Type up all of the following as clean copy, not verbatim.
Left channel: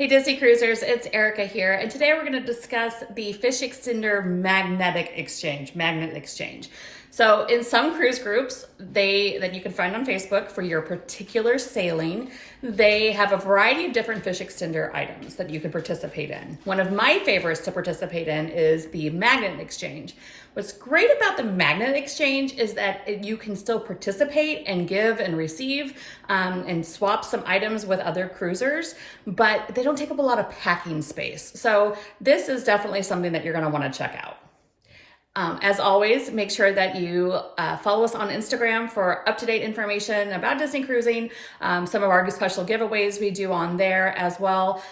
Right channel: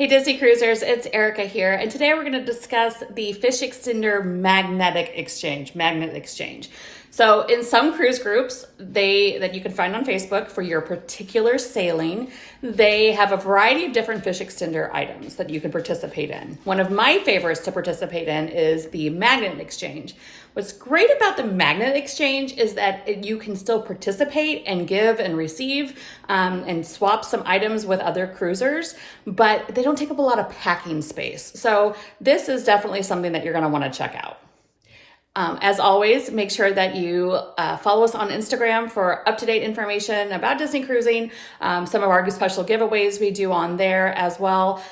Hey Disney Cruisers, it's Erica here, and today we're going to discuss the fish extender magnet exchange. So in some cruise groups that you can find on Facebook for your particular sailing, they have a variety of different fish extender items that you can participate in. One of my favorites to participate in is the magnet exchange. What's great about the magnet exchange is that you can still participate and give and receive and swap some items with other cruisers, but they don't take up a lot of packing space. So this is definitely something that you're going to want to check out. As always, make sure that you follow us on Instagram for up-to-date information about Disney cruising, some of our special giveaways we do on there as well.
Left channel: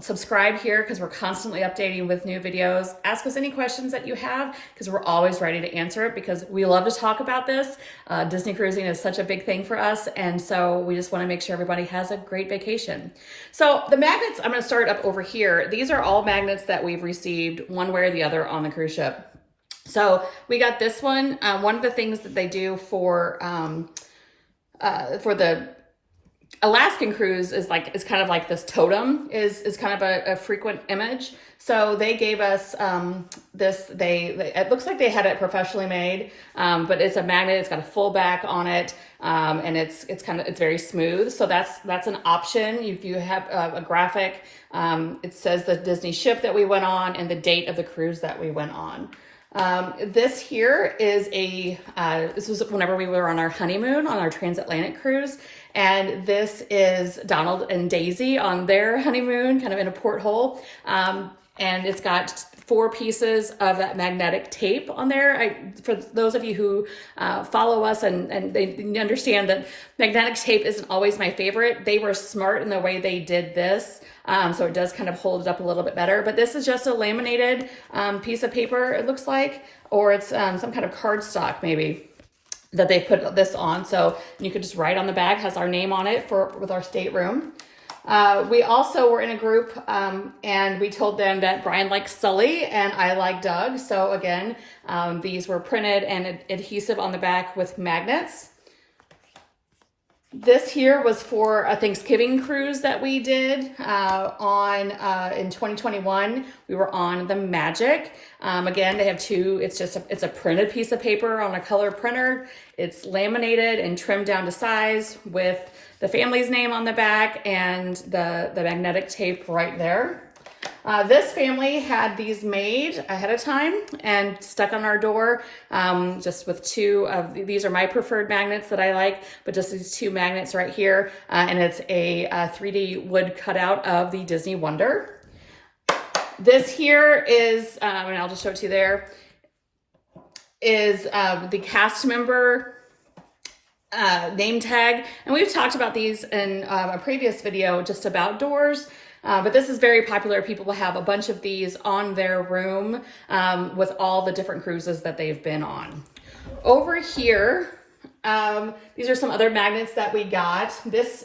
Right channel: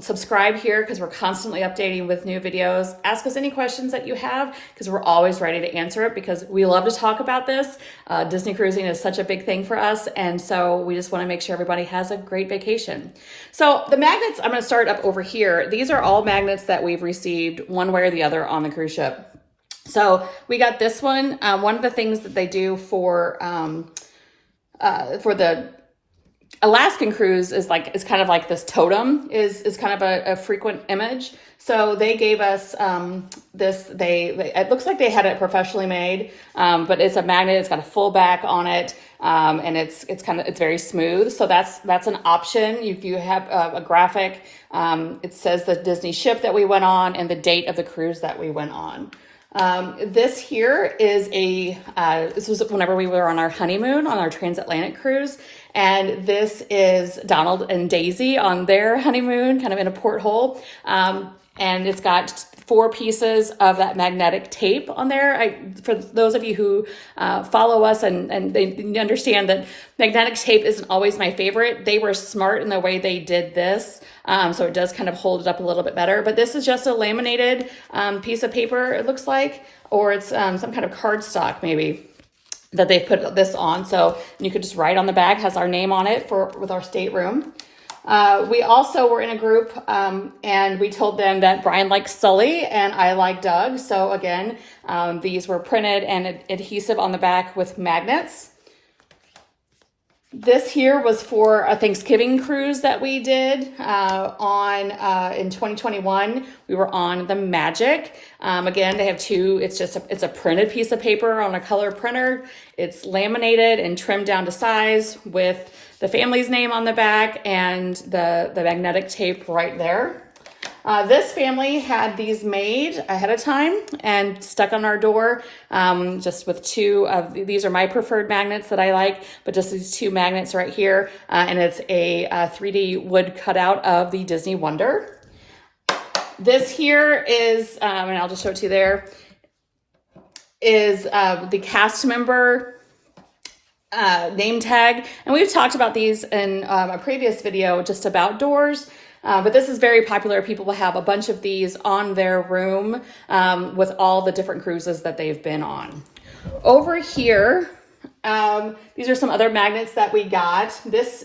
Subscribe here because we're constantly updating with new videos. Ask us any questions that you have because we're always ready to answer it because we love to talk about this. Disney cruising is such a big thing for us, and so we just want to make sure everybody has a great vacation. So the magnets, I'm going to start up over here. These are all magnets that we've received one way or the other on the cruise ship. So we got this one. One of the things that they do for the Alaskan cruise is kind of like this totem is kind of a frequent image. So they gave us this. It looks like they had it professionally made, but it's a magnet. It's got a full back on it, and it's very smooth. So that's an option. You have a graphic. It says the Disney ship that we went on and the date of the cruise that we went on. This here is this was whenever we were on our honeymoon on our transatlantic cruise. And this is Donald and Daisy on their honeymoon, kind of in a porthole. And it's got 4 pieces of that magnetic tape on there. For those of you who follow us and they understand that magnetic tape isn't always my favorite, they were smart in the way they did this. So it does kind of hold it up a little bit better. But this is just a laminated piece of paper, it looks like, or it's some kind of cardstock maybe that they've put this on. So you could just write on the back, has our name on it with our stateroom. We also were in a group and we told them that Brian likes Sully and I like Doug. So again, these were printed and adhesive on the back with magnets. This here was for a Thanksgiving cruise that we did in 2021. We were on the Magic. Again, they have 2. It's a printed piece of paper on a color printer. It's laminated and trimmed down to size with the family's name on the back and the magnetic tape right there. This family had these made ahead of time and stuck on our door, just with 2 of these are my preferred magnets that I like, but just these 2 magnets right here. And it's a 3D wood cutout of the Disney Wonder. This here is, and I'll just show it to you there, is the cast member name tag. And we've talked about these in a previous video just about doors. But this is very popular. People will have a bunch of these on their room with all the different cruises that they've been on. Over here, these are some other magnets that we got. This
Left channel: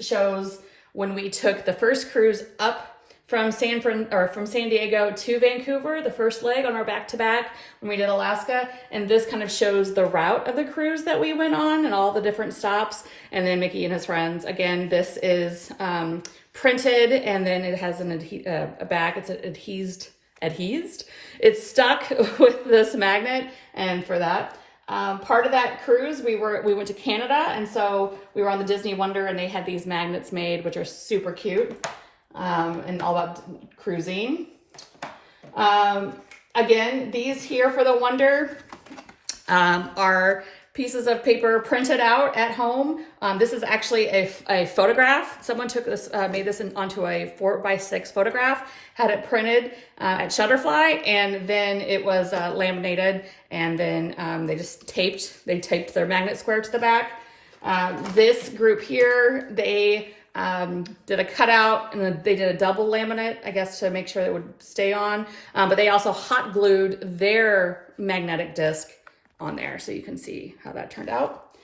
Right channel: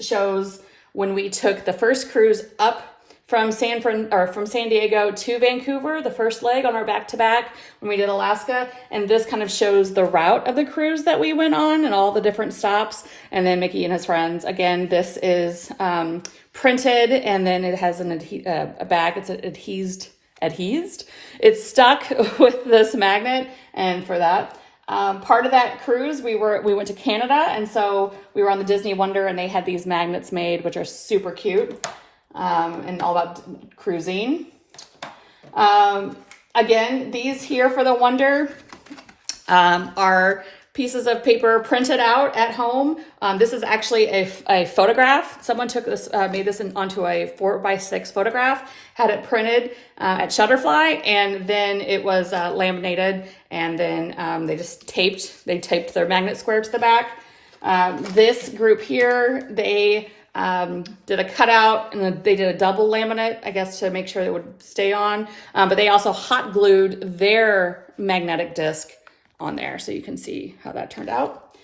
shows when we took the first cruise up from San Diego to Vancouver, the first leg on our back-to-back when we did Alaska. And this kind of shows the route of the cruise that we went on and all the different stops. And then Mickey and his friends. Again, this is printed, and then it has a back. It's adhesed. It's stuck with this magnet, and for that. Part of that cruise, we went to Canada, and so we were on the Disney Wonder, and they had these magnets made, which are super cute. And all about cruising. Again, these here for the Wonder are pieces of paper printed out at home. This is actually a photograph. Someone took this, made this onto a 4x6 photograph, had it printed at Shutterfly, and then it was laminated, and then they taped their magnet square to the back. This group here, they did a cutout, and then they did a double laminate, I guess, to make sure it would stay on. But they also hot glued their magnetic disc on there, so you can see how that turned out.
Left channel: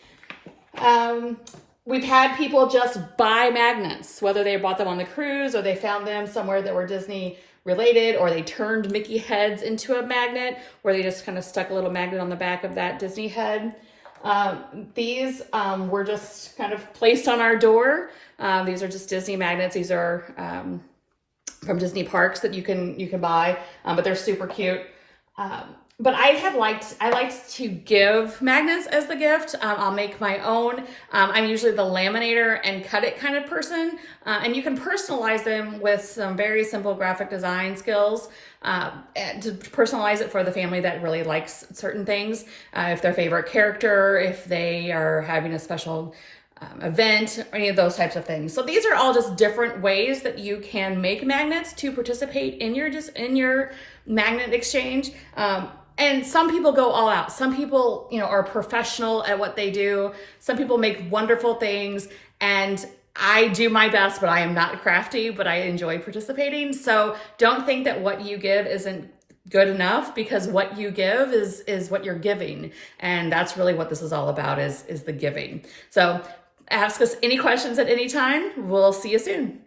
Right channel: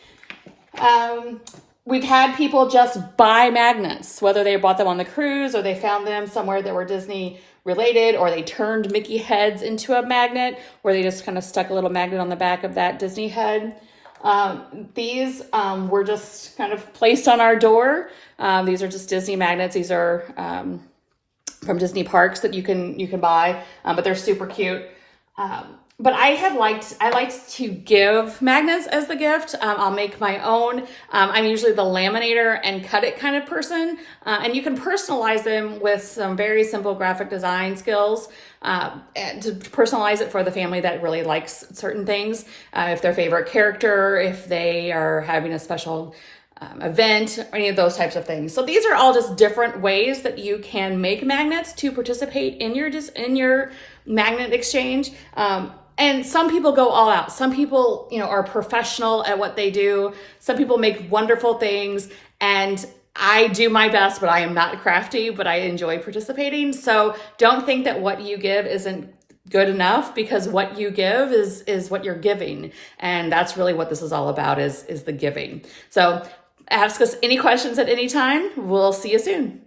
We've had people just buy magnets, whether they bought them on the cruise or they found them somewhere that were Disney related, or they turned Mickey heads into a magnet, where they just kind of stuck a little magnet on the back of that Disney head. These were just kind of placed on our door. These are just Disney magnets. These are from Disney parks that you can buy, but they're super cute. But I like to give magnets as the gift. I'll make my own. I'm usually the laminator and cut it kind of person. And you can personalize them with some very simple graphic design skills and to personalize it for the family that really likes certain things. If their favorite character, if they are having a special event, or any of those types of things. So these are all just different ways that you can make magnets to participate in your magnet exchange. And some people go all out. Some people, are professional at what they do. Some people make wonderful things, and I do my best, but I am not crafty, but I enjoy participating. So don't think that what you give isn't good enough, because what you give is what you're giving. And that's really what this is all about, is the giving. So ask us any questions at any time. We'll see you soon.